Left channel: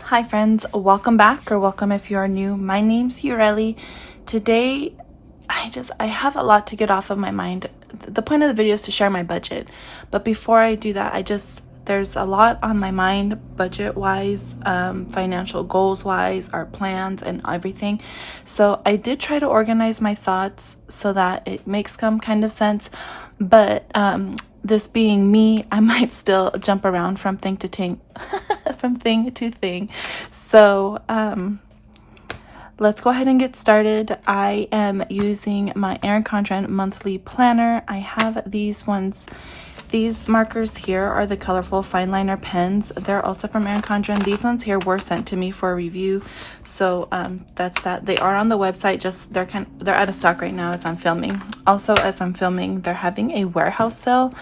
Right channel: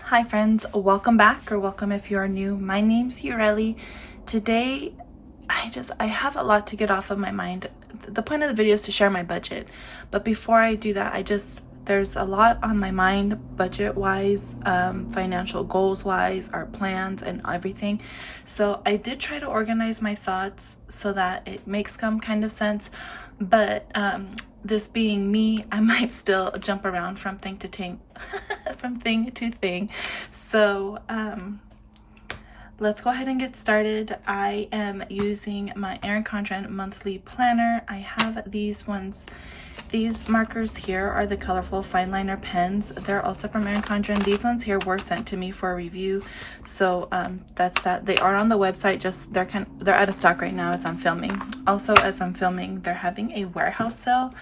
Hi friends, welcome back, or welcome if you are new. My name's Yureli. Today I have a lot to get off of my mind. The point of the video is to share my budget, but before I do that, there's a lot on my mind, budget wise, financial goals wise, our plans and everything. So I did try to organize my thoughts so that it makes some kind of sense, but this being me, I might still jump around from thing to thing from thing to thing. So let's go ahead and get started. I am using my Erin Condren monthly planner. I have these ones. These markers here are the colorful fine liner pens. They're also from Erin Condren. These ones here were sent to me for a review, so that's that. They are on the website, just they're out of stock right now as I'm filming. Also, as I'm filming, they're having a warehouse sale.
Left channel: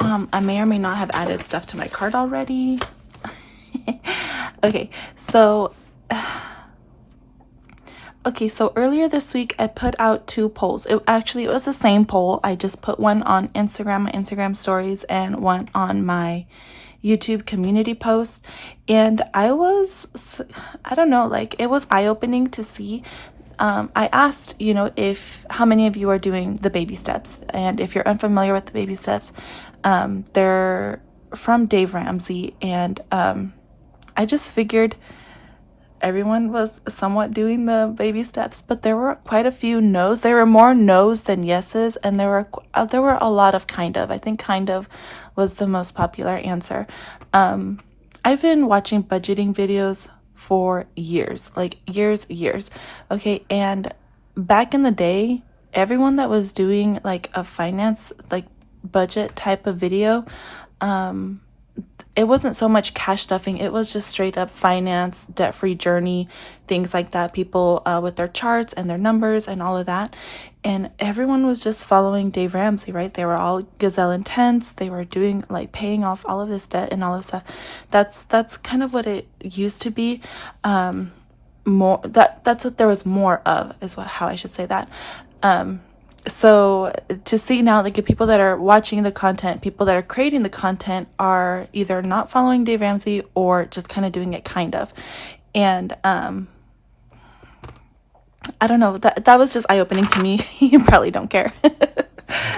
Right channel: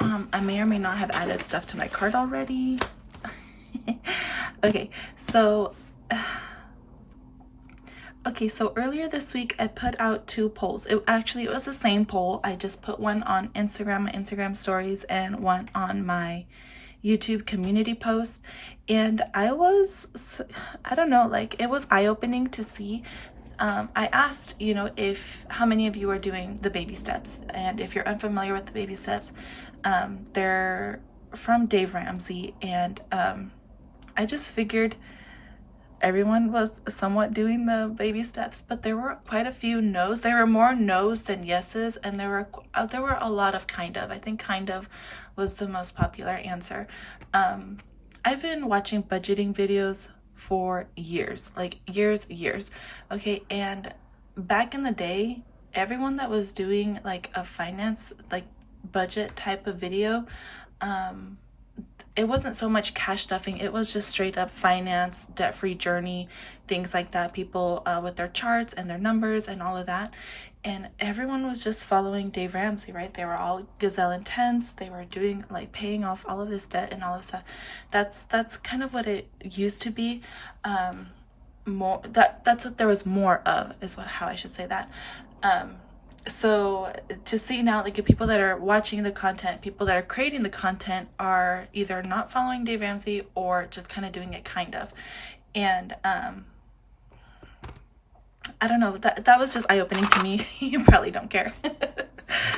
I may or may not have added stuff to my cart already. Okay, so earlier this week I put out two polls. It was the same poll. I just put one on Instagram, my Instagram stories, and one on my YouTube community post. And I don't know, like, it was eye-opening to see. I asked, how many of you are doing the baby steps, and if you're unfamiliar with the baby steps, they're from Dave Ramsey, and I just figured everyone was somewhat doing the baby steps, but there were quite a few no's. There were more no's than yeses, and there were a lot of kind of. I think kind of was the most popular answer. I've been watching budgeting videos for years, like years. Okay, and back in the day, everyone that was doing like a finance, like budget type of video, it wasn't so much cash stuffing. It was just straight up finance, debt-free journey, things like that. People with their charts and their numbers and all of that. And everyone was just following Dave Ramsey, right? They were all gazelle intense. They were doing, like, paying off all of this debt and all this stuff. That's kind of what it used to be. That's what there was more of, is how I should say that. So to see now, like, the people that are watching the content, people that are creating the content are either not following Dave Ramsey or just kind of doing it kind of. And I don't know, that was just eye-opening to me. You probably don't care.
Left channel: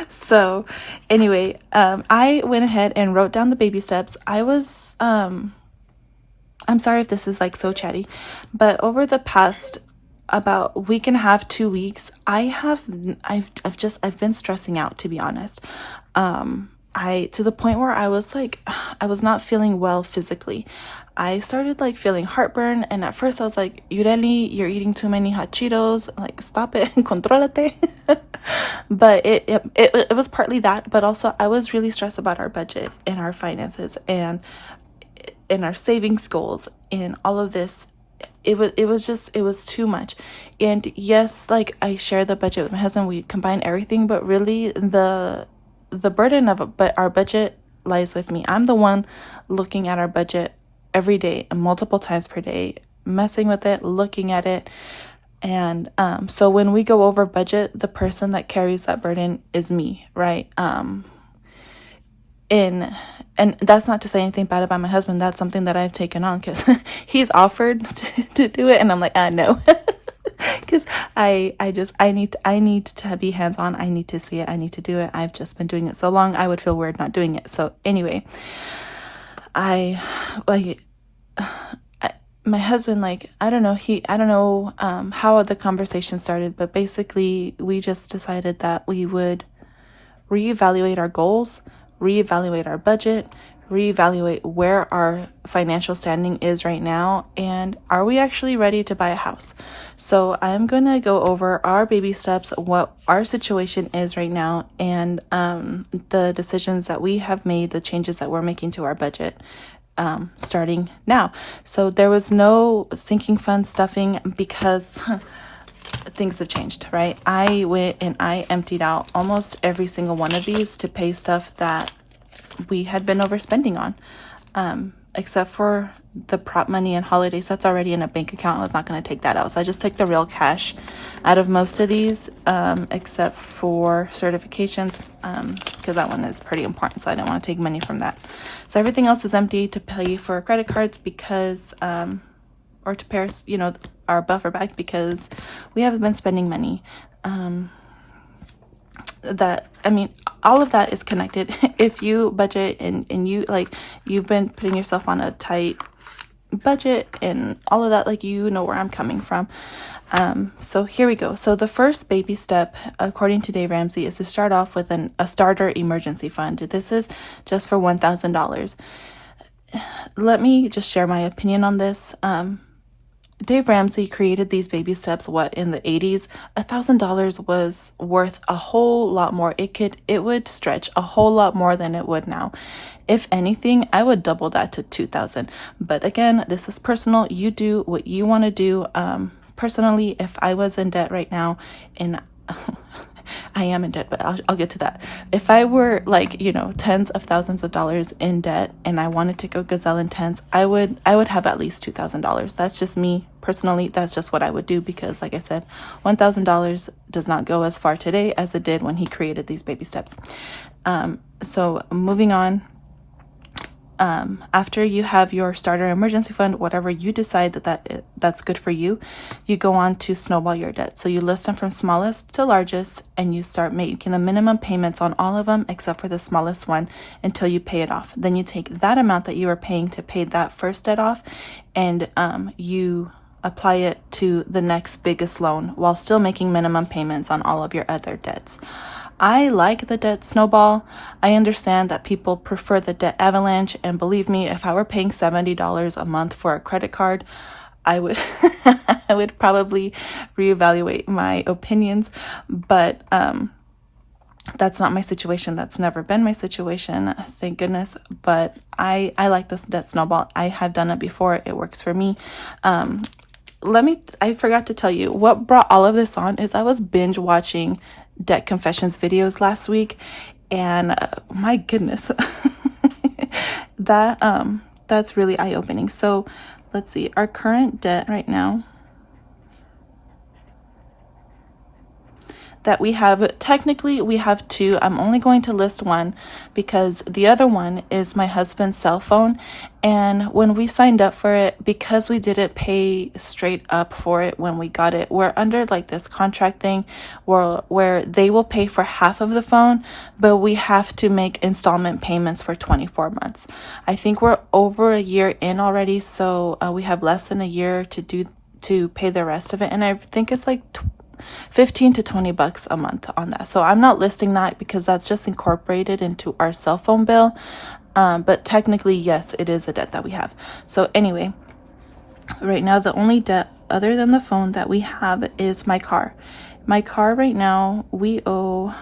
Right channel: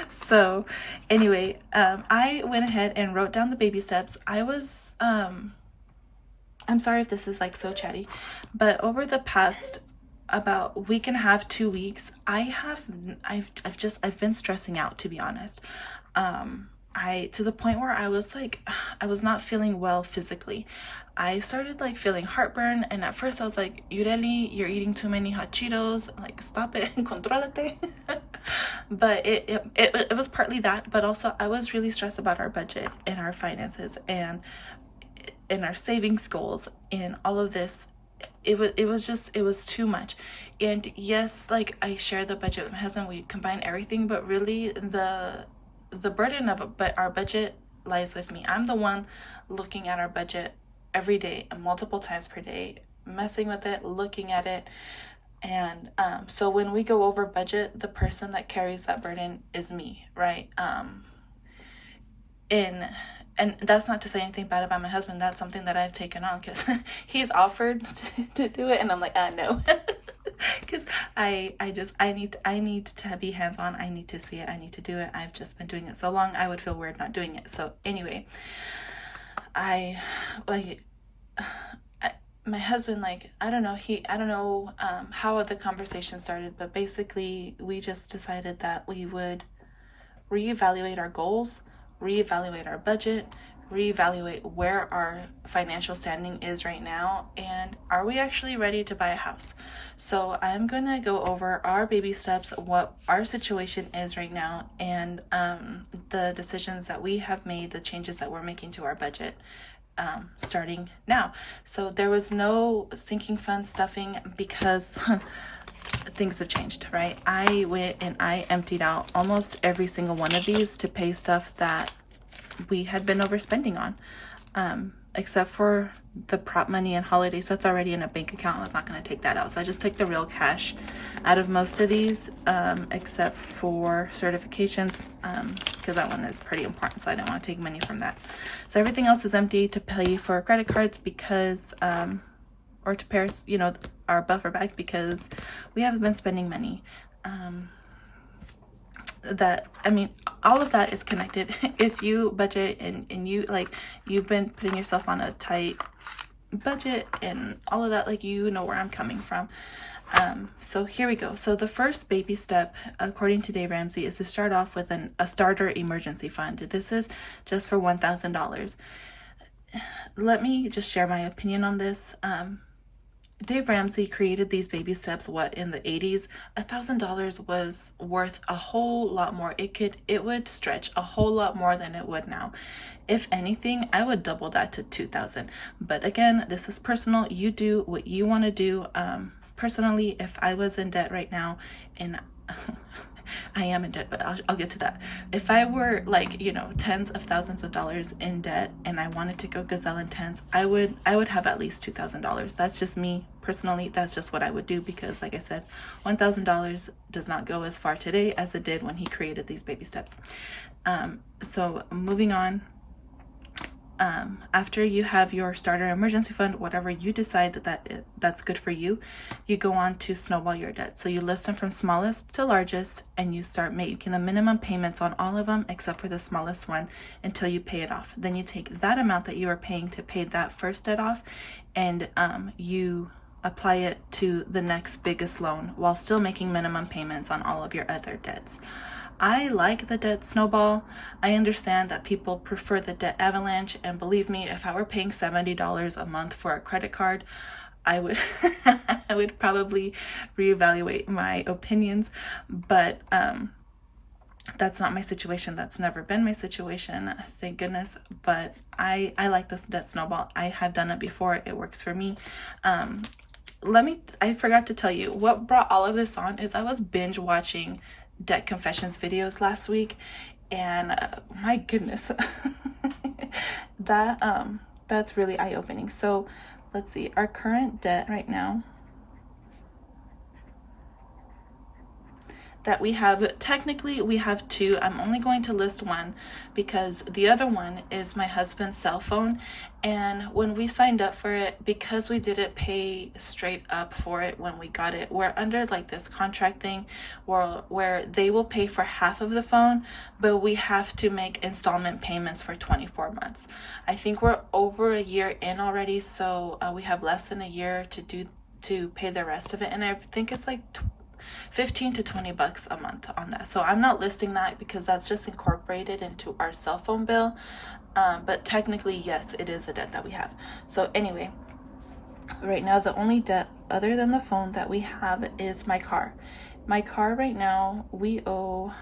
So anyway, I went ahead and wrote down the baby steps. I'm sorry if this is like so chatty, but over the past about week and a half, 2 weeks, I've been stressing out, to be honest. To the point where I was not feeling well physically. I started like feeling heartburn, and at first I was like, Yureli, you're eating too many hot Cheetos, like, stop it, controlate. But it was partly that, but also I was really stressed about our budget and our finances and our savings goals and all of this. It was too much. And yes, like, I share the budget with my husband, we combine everything, but really the burden of our budget lies with me. I'm the one looking at our budget every day, multiple times per day, messing with it, looking at it. And so when we go over budget, the person that carries that burden is me, right? And that's not to say anything bad about my husband. That's something that I've taken on, because he's offered to do it, and I'm like, no. Because I need to be hands-on. I need to see it. I need to do it. I've just been doing it so long, I would feel weird not doing it. So anyway, my husband, like, I don't know how the conversation started, but basically we just decided that we would reevaluate our goals, reevaluate our budget, reevaluate where our financial standing is right now, and are we actually ready to buy a house. So I'm gonna go over our baby steps, what our situation is right now, and the decisions that we have made, the changes that we're making to our budget starting now. So there was no sinking fund stuffing, because things have changed, right? I went and I emptied out almost every single one of these to pay stuff that we had been overspending on. except for the prop money and holidays, that's already in a bank account. I was not going to take that out. So I just took the real cash out of most of these, except for certifications, because that one is pretty important. So I didn't want to take money from that. So everything else is empty to pay for credit cards because, or to pay, you know, our buffer bag, because we haven't been spending money. That, I mean, all of that is connected. If you budget and you, like, you've been putting yourself on a tight budget and all of that, like, you know where I'm coming from. So here we go. So the first baby step, according to Dave Ramsey, is to start off with a starter emergency fund. This is just for $1,000. Let me just share my opinion on this. Dave Ramsey created these baby steps, in the 80s? $1,000 was worth a whole lot more. It would stretch a whole lot more than it would now. If anything, I would double that to 2,000. But again, this is personal. You do what you want to do. Personally, if I was in debt right now, and I am in debt, but I'll get to that. If I were, like, you know, tens of thousands of dollars in debt and I wanted to go gazelle intense, I would have at least $2,000. That's just me personally. That's just what I would do, because like I said, $1,000 does not go as far today as it did when he created these baby steps. So moving on. After you have your starter emergency fund, whatever you decide that's good for you, you go on to snowball your debt. So you list them from smallest to largest, and you start making the minimum payments on all of them except for the smallest one until you pay it off. Then you take that amount that you were paying to pay that first debt off, and you apply it to the next biggest loan while still making minimum payments on all of your other debts. I like the debt snowball. I understand that people prefer the debt avalanche, and believe me, if I were paying $70 a month for a credit card, I would I would probably reevaluate my opinions. But that's not my situation. That's never been my situation, thank goodness. But I like this debt snowball. I have done it before. It works for me. I forgot to tell you what brought all of this on is I was binge watching debt confessions videos last week, and my goodness, that's really eye-opening. So let's see, our current debt right now that we have, technically we have two. I'm only going to list one because the other one is my husband's cell phone, and when we signed up for it, because we didn't pay straight up for it when we got it, we're under like this contract thing where they will pay for half of the phone, but we have to make installment payments for 24 months. I think we're over a year in already, so we have less than a year to pay the rest of it, and I think it's like $15 to $20 a month on that. So I'm not listing that because that's just incorporated into our cell phone bill. But technically, yes, it is a debt that we have. So anyway, right now, the only debt other than the phone that we have is my car. My car right now, we owe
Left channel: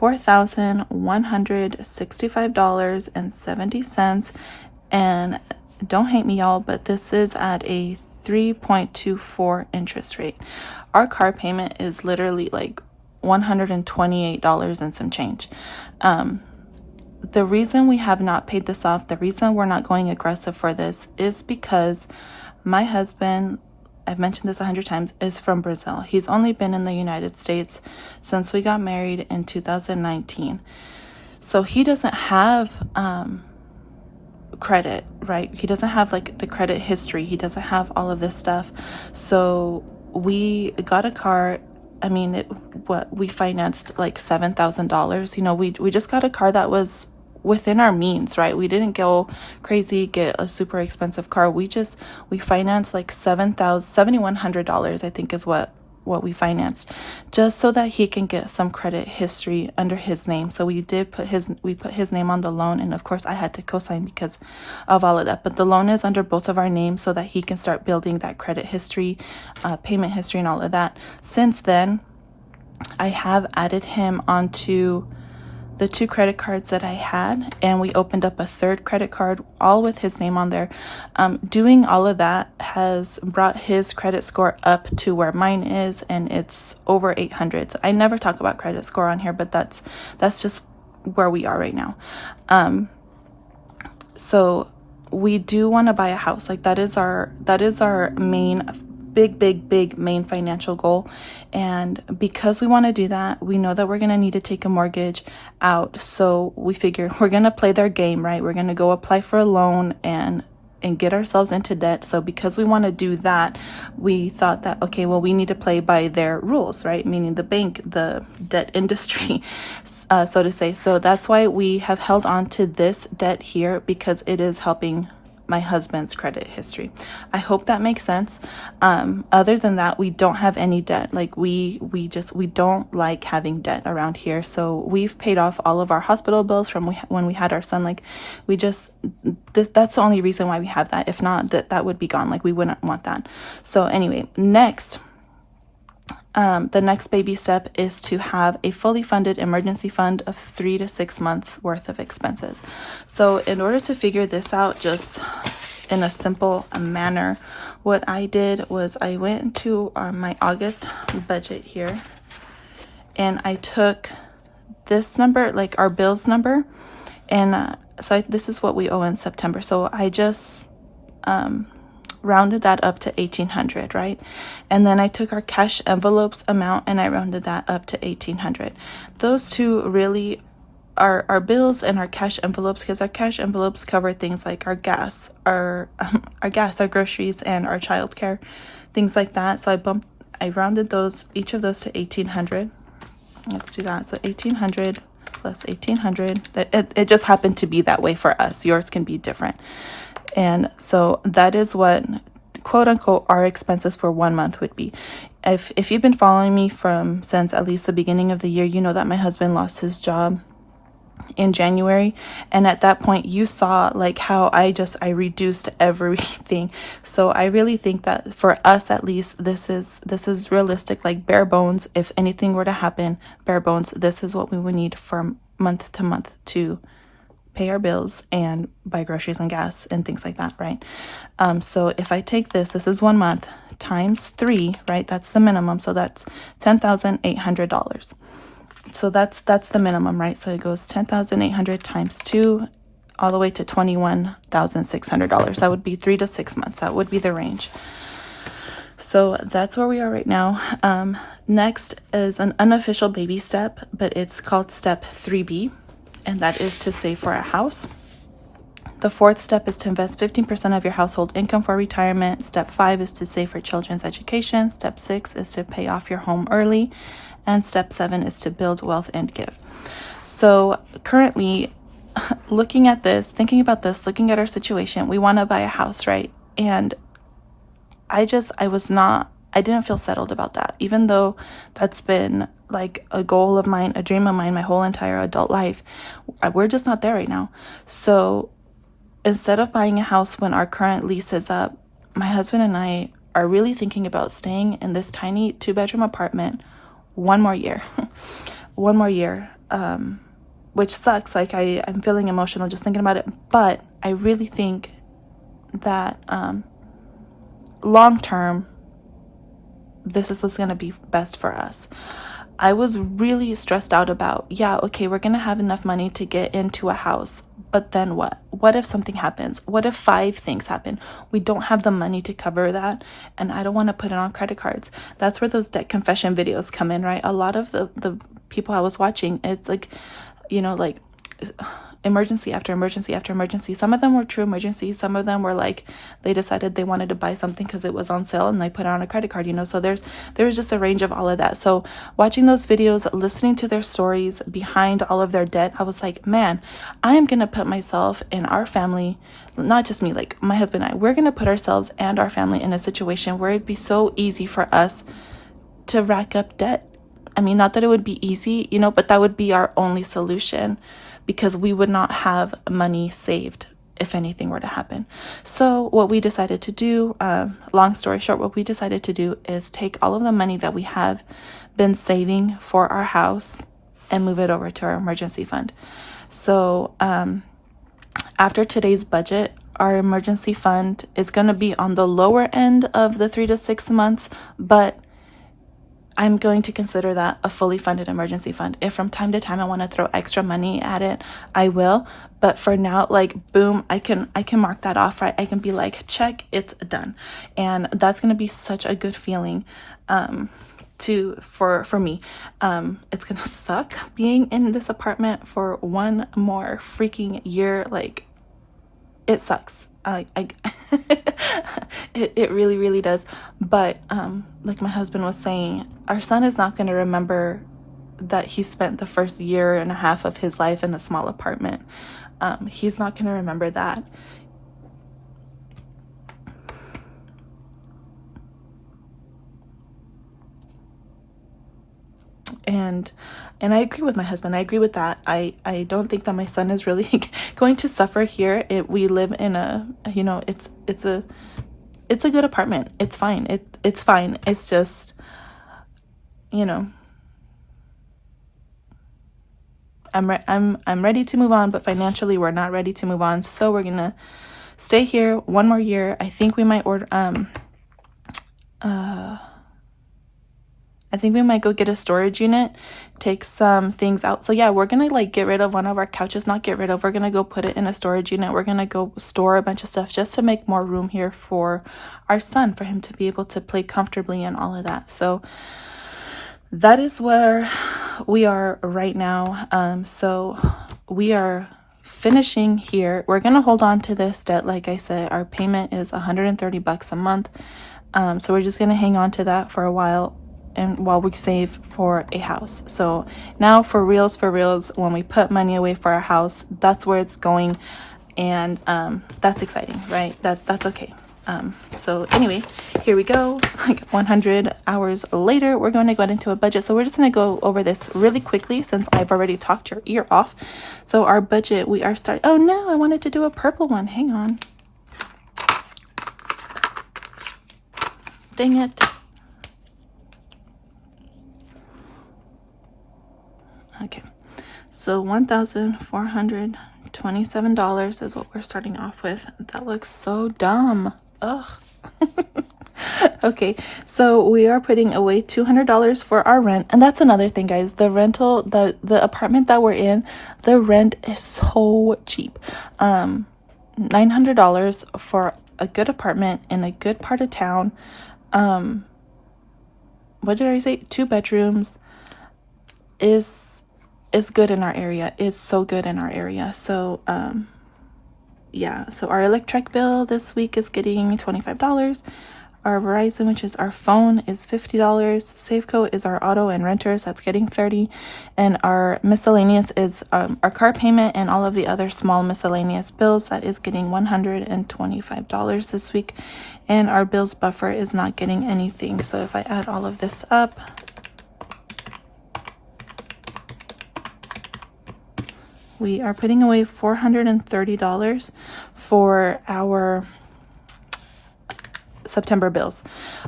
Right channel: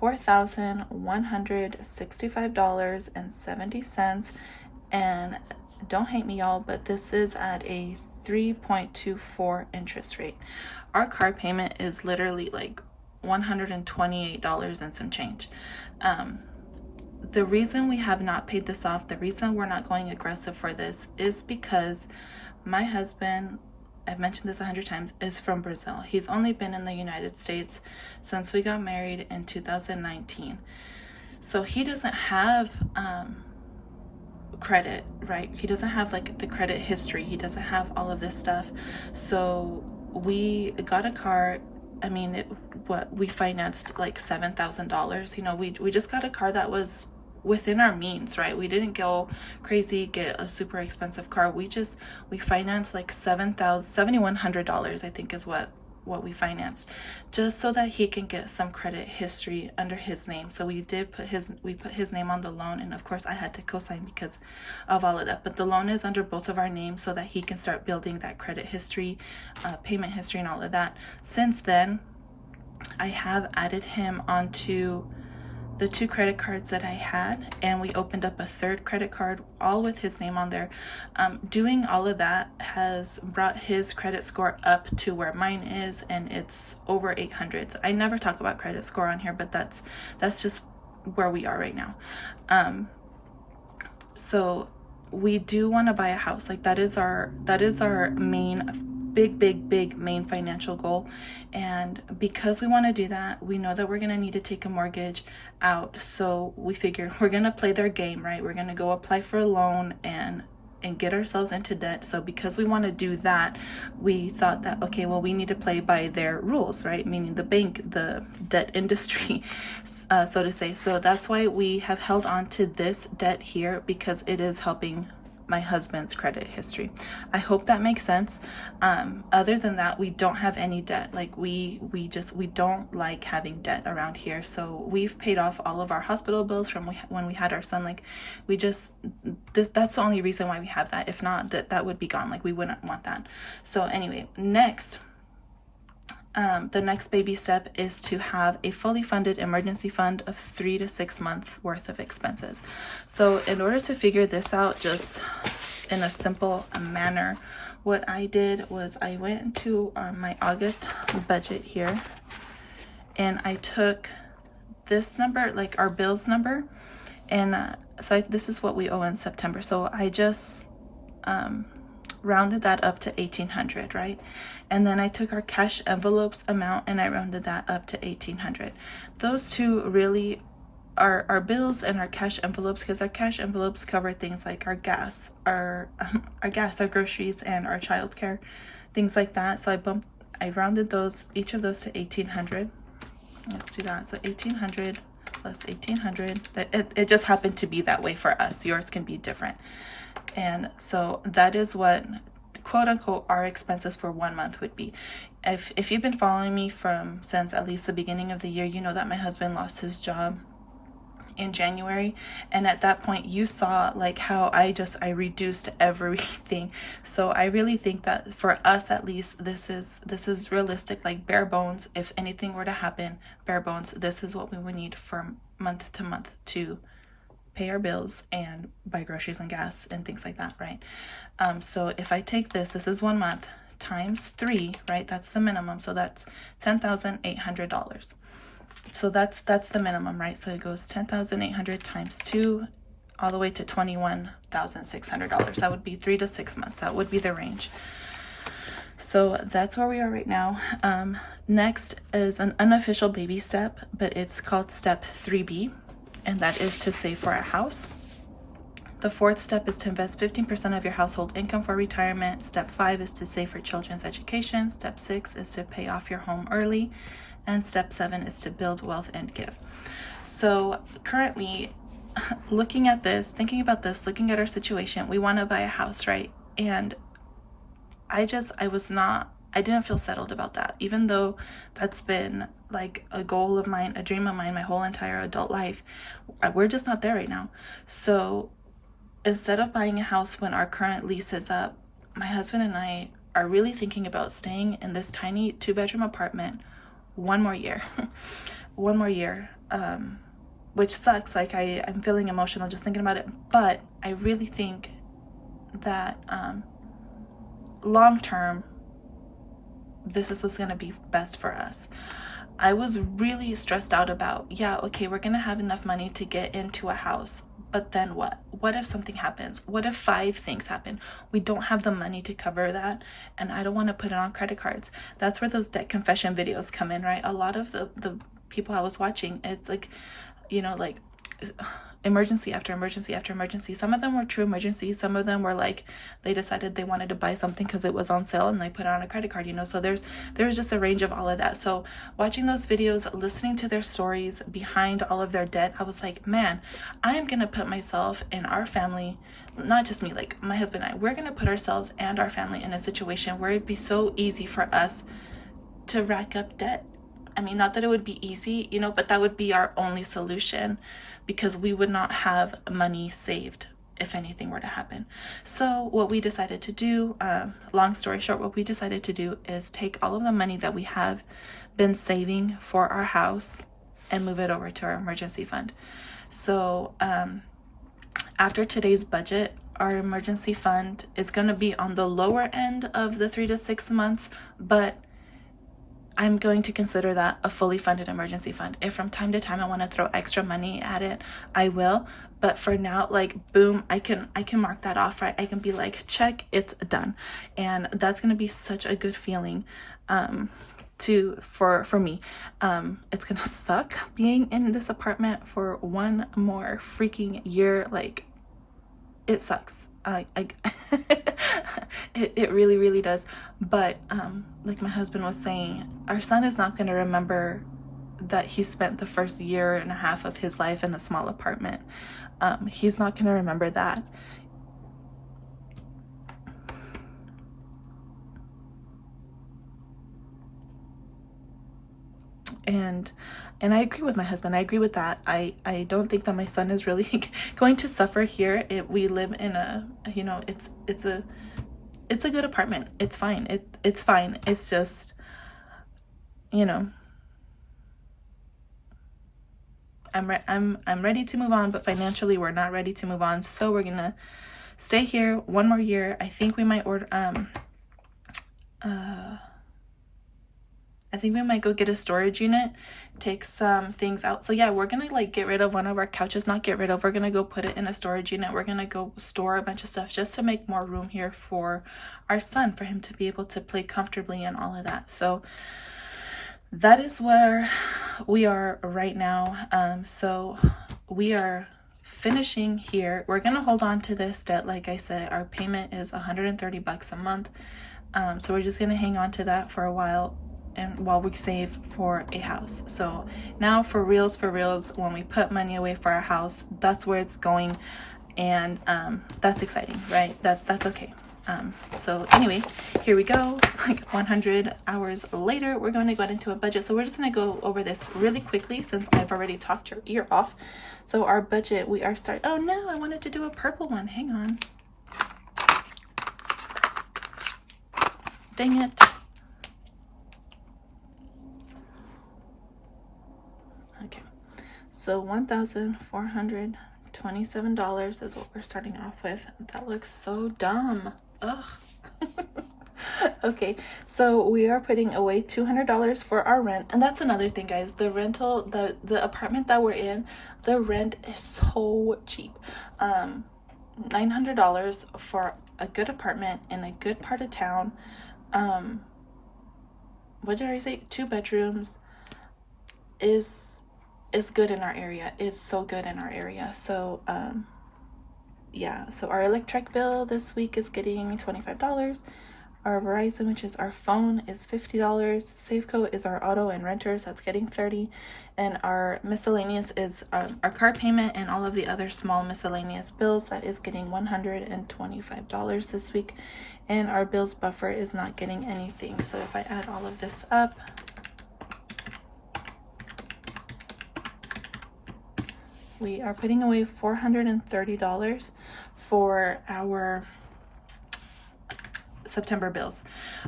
$4,165.70. And don't hate me, y'all, but this is at a 3.24 interest rate. Our car payment is literally like $128 and some change. The reason we have not paid this off, the reason we're not going aggressive for this is because my husband, I've mentioned this 100 times, is from Brazil. He's only been in the United States since we got married in 2019. So he doesn't have credit, right? He doesn't have like the credit history. He doesn't have all of this stuff. So we got a car. I mean, we financed like $7,000. You know, we just got a car that was within our means, right? We didn't go crazy, get a super expensive car. We financed like $7,100, I think is what we financed, just so that he can get some credit history under his name. So we put his name on the loan, and of course I had to co-sign because of all of that, but the loan is under both of our names so that he can start building that credit history, payment history, and all of that. Since then, I have added him onto the 2 credit cards that I had, and we opened up a 3rd credit card, all with his name on there. Doing all of that has brought his credit score up to where mine is, and it's over 800. So I never talk about credit score on here, but that's just where we are right now. So we do want to buy a house. Like that is our main big main financial goal. And because we want to do that, we know that we're going to need to take a mortgage out. So we figure we're going to play their game, right? We're going to go apply for a loan and get ourselves into debt. So because we want to do that, we thought that, okay, well, we need to play by their rules, right? Meaning the bank, the debt industry, so to say. So that's why we have held on to this debt here, because it is helping my husband's credit history. I hope that makes sense. Other than that, we don't have any debt. Like we don't like having debt around here. So we've paid off all of our hospital bills from when we had our son. Like that's the only reason why we have that. If not, that would be gone. Like we wouldn't want that. So anyway, next, the next baby step is to have a fully funded emergency fund of 3 to 6 months worth of expenses. So in order to figure this out just in a simple manner, what I did was I went into my August budget here, and I took this number, like our bills number, and this is what we owe in September. So I just rounded that up to $1,800, right? And then I took our cash envelopes amount and I rounded that up to $1,800. Those two really are our bills and our cash envelopes, because our cash envelopes cover things like our gas, our groceries, and our childcare, things like that. So I rounded each of those to $1,800. Let's do that. So $1,800 plus $1,800. It just happened to be that way for us. Yours can be different. And so that is what, quote unquote, our expenses for 1 month would be. If you've been following me since at least the beginning of the year, you know that my husband lost his job in January, and at that point you saw like how I reduced everything. So I really think that for us, at least, this is realistic, like bare bones. If anything were to happen, bare bones, this is what we would need from month to month to pay our bills and buy groceries and gas and things like that, right? So if I take this is 1 month times 3, right? That's the minimum. So that's $10,800. So that's the minimum, right? So it goes 10,800 times 2 all the way to $21,600. That would be 3 to 6 months. That would be the range. So that's where we are right now. Next is an unofficial baby step, but it's called step 3B, and that is to save for a house. The fourth step is to invest 15% of your household income for retirement. Step 5 is to save for children's education. Step 6 is to pay off your home early. And step 7 is to build wealth and give. So currently, looking at this, thinking about this, looking at our situation, we want to buy a house, right? And I didn't feel settled about that, even though that's been like a goal of mine, a dream of mine, my whole entire adult life. We're just not there right now. So instead of buying a house when our current lease is up, my husband and I are really thinking about staying in this tiny 2-bedroom apartment one more year. Which sucks. Like I'm feeling emotional just thinking about it, but I really think that long term, this is what's going to be best for us. I was really stressed out about, okay, we're going to have enough money to get into a house, but then what? What if something happens? What if 5 things happen? We don't have the money to cover that, and I don't want to put it on credit cards. That's where those debt confession videos come in, right? A lot of the people I was watching, it's like, like emergency after emergency after emergency. Some of them were true emergencies. Some of them were like they decided they wanted to buy something because it was on sale and they put it on a credit card, So there's just a range of all of that. So watching those videos, listening to their stories behind all of their debt, I was like, man, I am going to put myself and our family, not just me, like my husband and I, we're going to put ourselves and our family in a situation where it'd be so easy for us to rack up debt. I mean, not that it would be easy, but that would be our only solution, because we would not have money saved if anything were to happen. So what we decided to do, long story short, what we decided to do is take all of the money that we have been saving for our house and move it over to our emergency fund. So after today's budget, our emergency fund is going to be on the lower end of the 3 to 6 months, but I'm going to consider that a fully funded emergency fund. If from time to time I want to throw extra money at it, I will. But for now, like, boom, I can mark that off, right? I can be like, check, it's done. And that's going to be such a good feeling for me. It's going to suck being in this apartment for one more freaking year. Like, it sucks. It really, really does. But like my husband was saying, our son is not going to remember that he spent the first year and a half of his life in a small apartment. He's not going to remember that. And I agree with my husband. I agree with that. I don't think that my son is really going to suffer here. We live in a, you know, it's a good apartment. It's fine. It's fine. It's just, you know, I'm ready to move on, but financially we're not ready to move on. So we're gonna stay here one more year. I think we might order I think we might go get a storage unit, take some things out. So yeah, we're gonna like get rid of one of our couches, not get rid of, we're gonna go put it in a storage unit. We're gonna go store a bunch of stuff just to make more room here for our son, for him to be able to play comfortably and all of that. So that is where we are right now. So we are finishing here. We're gonna hold on to this debt. Like I said, our payment is $130 a month. So we're just gonna hang on to that for a while, and while we save for a house. So now for reals, when we put money away for our house, that's where it's going. And that's exciting, right? That's okay. So anyway, here we go. Like 100 hours later, we're going to go into a budget. So we're just going to go over this really quickly since I've already talked your ear off. So our budget, we are starting. Oh no, I wanted to do a purple one. Hang on. Dang it. Okay, so $1,427 is what we're starting off with. That looks so dumb. Ugh. Okay, so we are putting away $200 for our rent. And that's another thing, guys. The rental, the apartment that we're in, the rent is so cheap. $900 for a good apartment in a good part of town. What did I say? 2 bedrooms is good in our area. It's so good in our area. So yeah, so our electric bill this week is getting $25. Our Verizon, which is our phone, is $50. Safeco is our auto and renters, that's getting $30. And our miscellaneous is our car payment and all of the other small miscellaneous bills, that is getting $125 this week. And our bills buffer is not getting anything. So if I add all of this up, we are putting away $430 for our September bills.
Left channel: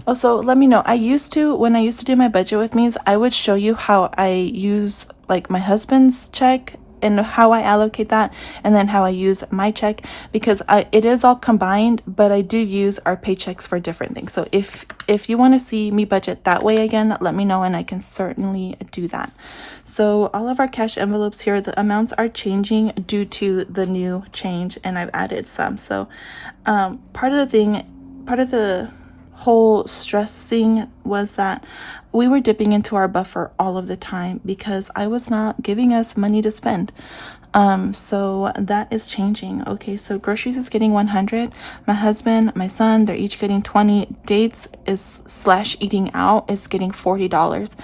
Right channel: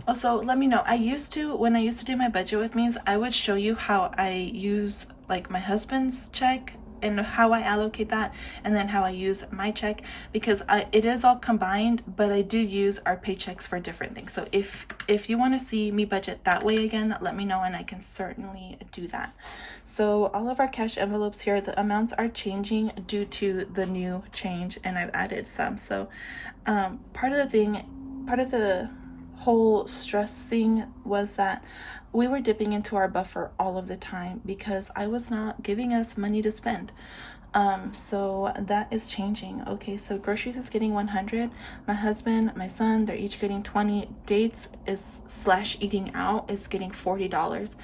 Also, let me know. When I used to do my budget with me, I would show you how I use like my husband's check and how I allocate that, and then how I use my check, because it is all combined, but I do use our paychecks for different things. So if you want to see me budget that way again, let me know and I can certainly do that. So all of our cash envelopes here, the amounts are changing due to the new change, and I've added some. So part of the whole stressing was that we were dipping into our buffer all of the time because I was not giving us money to spend. So that is changing. Okay, so groceries is getting 100. My husband, my son, they're each getting 20. Dates is / eating out is getting $40.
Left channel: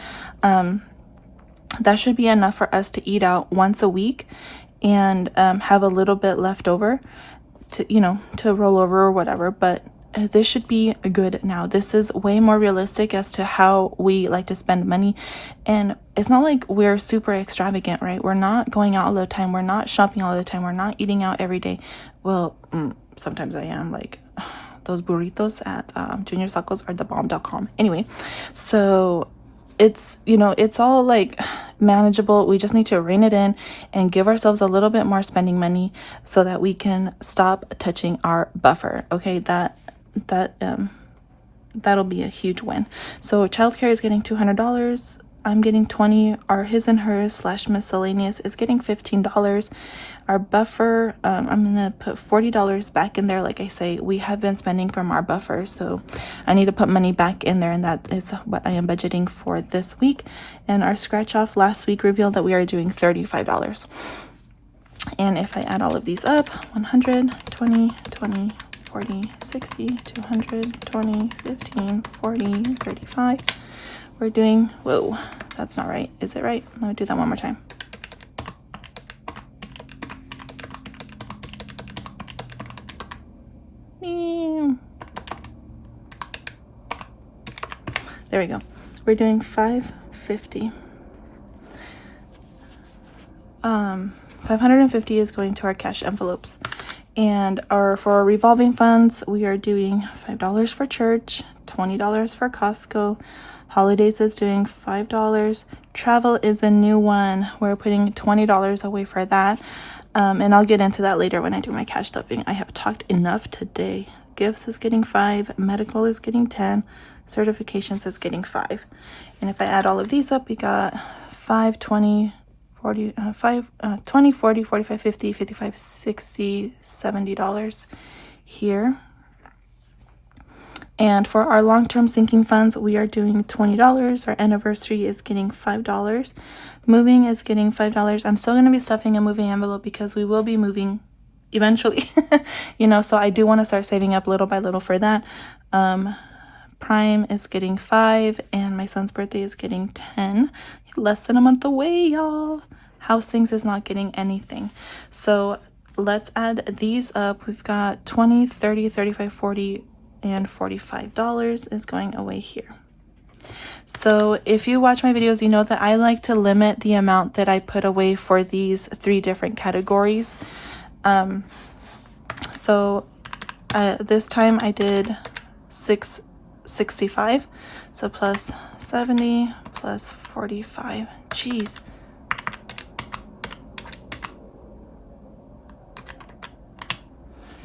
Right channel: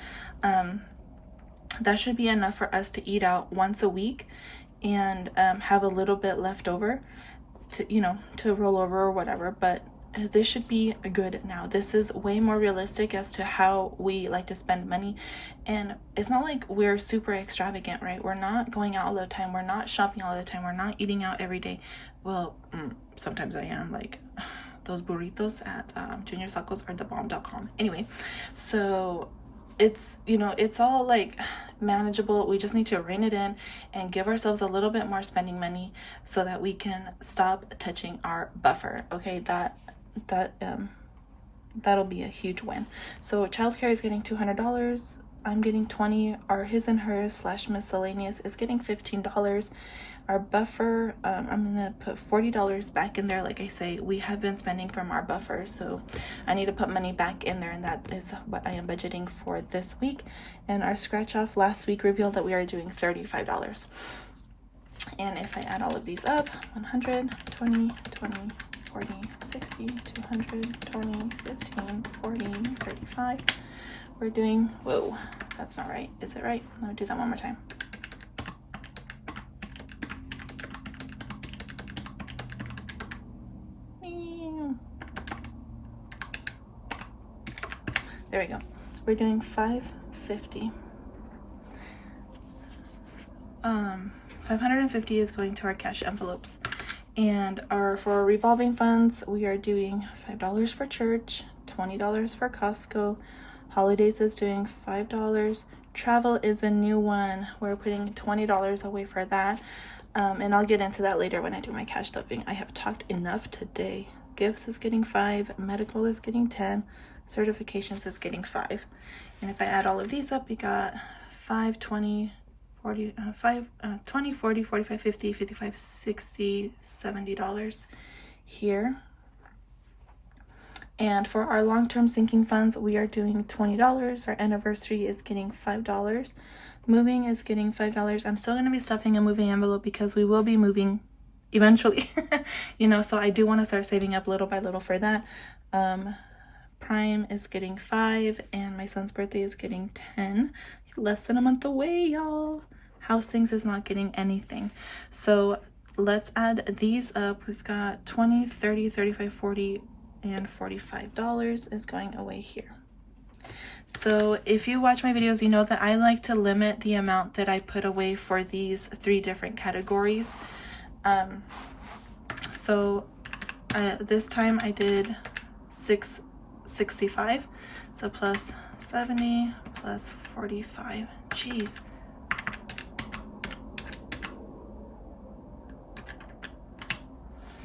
That should be enough for us to eat out once a week and have a little bit left over to roll over or whatever. But this should be good now. This is way more realistic as to how we like to spend money. And it's not like we're super extravagant, right? We're not going out all the time. We're not shopping all the time. We're not eating out every day. Well, sometimes I am. Like those burritos at Junior Tacos are the bomb.com. Anyway, so it's it's all like manageable. We just need to rein it in and give ourselves a little bit more spending money so that we can stop touching our buffer. Okay, that that'll be a huge win. So childcare is getting $200. I'm getting 20. Our his and hers / miscellaneous is getting $15. Our buffer, I'm gonna put $40 back in there. Like I say, we have been spending from our buffer, so I need to put money back in there, and that is what I am budgeting for this week. And our scratch off last week revealed that we are doing $35. And if I add all of these up, 100, 20, 20, 40, 60, 200, 20, 15, 40, 35. We're doing, whoa, that's not right. Is it right? Let me do that one more time. There we go. We're doing 550. 550 is going to our cash envelopes. And for our revolving funds, we are doing $5 for church, $20 for Costco. Holidays is doing $5. Travel is a new one. We're putting $20 away for that. And I'll get into that later when I do my cash stuffing. I have talked enough today. Gifts is getting 5. Medical is getting 10. Certifications is getting 5. And if I add all of these up, we got 5, 20, 40, 20, 40, 45, 50, 55, 60, $70 here. And for our long-term sinking funds, we are doing $20. Our anniversary is getting $5. Moving is getting $5. I'm still going to be stuffing a moving envelope because we will be moving eventually, you know, so I do want to start saving up little by little for that. Prime is getting 5, and my son's birthday is getting 10. Less than a month away, y'all. House things is not getting anything. So let's add these up. We've got 20, 30, 35, 40, and $45 is going away here. So if you watch my videos, you know that I like to limit the amount that I put away for these 3 different categories. So this time I did 665, so plus 70 plus 45. Jeez.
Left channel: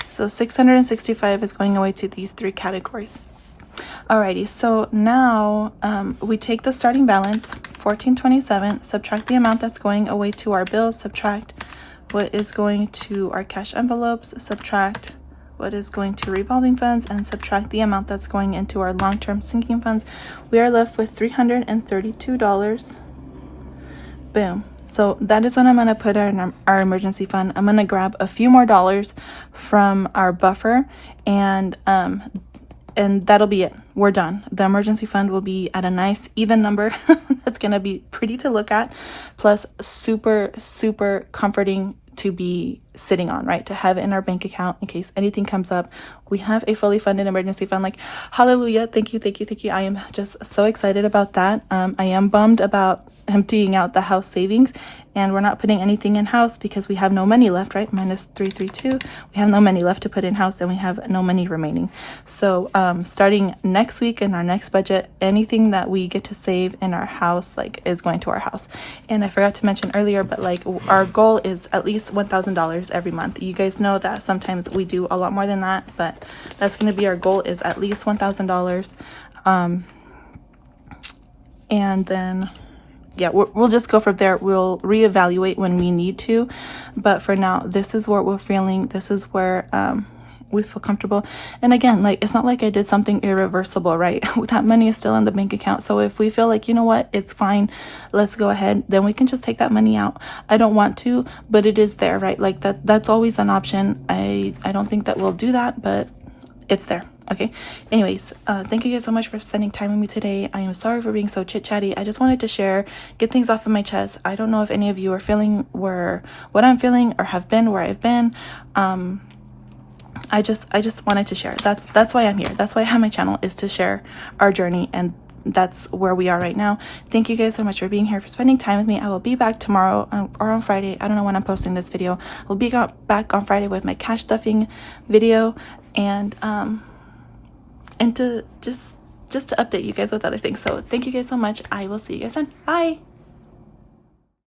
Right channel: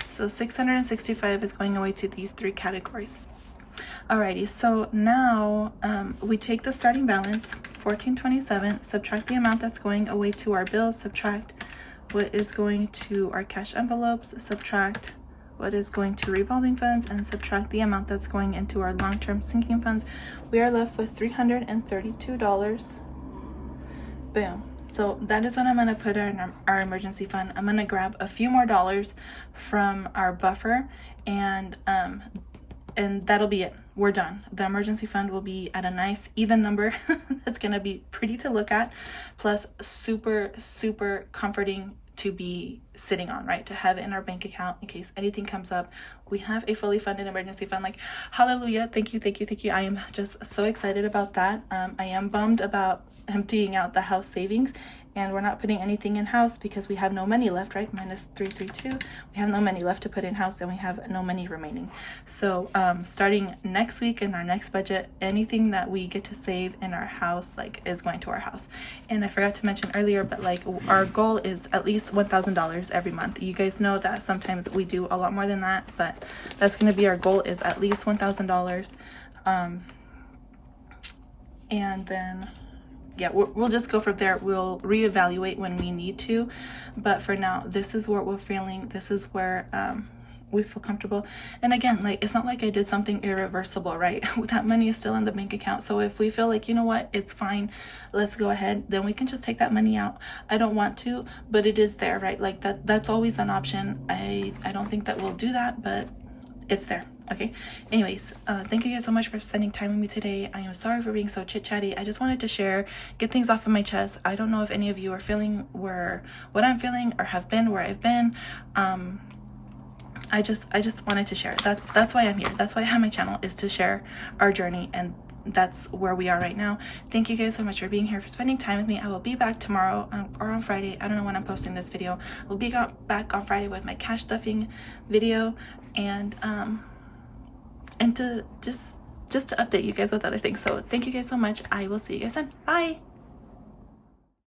So 665 is going away to these 3 categories. Alrighty, so now we take the starting balance, 1427, subtract the amount that's going away to our bills, subtract what is going to our cash envelopes, subtract what is going to revolving funds, and subtract the amount that's going into our long-term sinking funds. We are left with $332. Boom. So that is what I'm going to put in our emergency fund. I'm going to grab a few more dollars from our buffer, and that'll be it. We're done. The emergency fund will be at a nice even number. That's going to be pretty to look at, plus super, super comforting to be sitting on, right? To have it in our bank account in case anything comes up. We have a fully funded emergency fund. Like, hallelujah. Thank you, thank you, thank you. I am just so excited about that. I am bummed about emptying out the house savings, and we're not putting anything in house because we have no money left, right? Minus 332. We have no money left to put in house, and we have no money remaining. So starting next week in our next budget, anything that we get to save in our house, like, is going to our house. And I forgot to mention earlier, but like, our goal is at least $1,000 every month. You guys know that sometimes we do a lot more than that, but that's going to be our goal, is at least $1,000. And then yeah, we'll just go from there. We'll reevaluate when we need to, but for now, this is what we're feeling. This is where we feel comfortable. And again, like, it's not like I did something irreversible, right? That money is still in the bank account. So if we feel like, you know what, it's fine, let's go ahead, then we can just take that money out. I don't want to, but it is there, right? Like, that's always an option. I don't think that we'll do that, but it's there. Okay, anyways, thank you guys so much for spending time with me today. I am sorry for being so chit-chatty. I just wanted to share, get things off of my chest. I don't know if any of you are feeling what I'm feeling, or have been where I've been. I just wanted to share. That's why I'm here. That's why I have my channel, is to share our journey, and that's where we are right now. Thank you guys so much for being here, for spending time with me. I will be back tomorrow or on Friday. I don't know when I'm posting this video. I'll be back on Friday with my cash stuffing video, and to just to update you guys with other things. So thank you guys so much. I will see you guys then. Bye.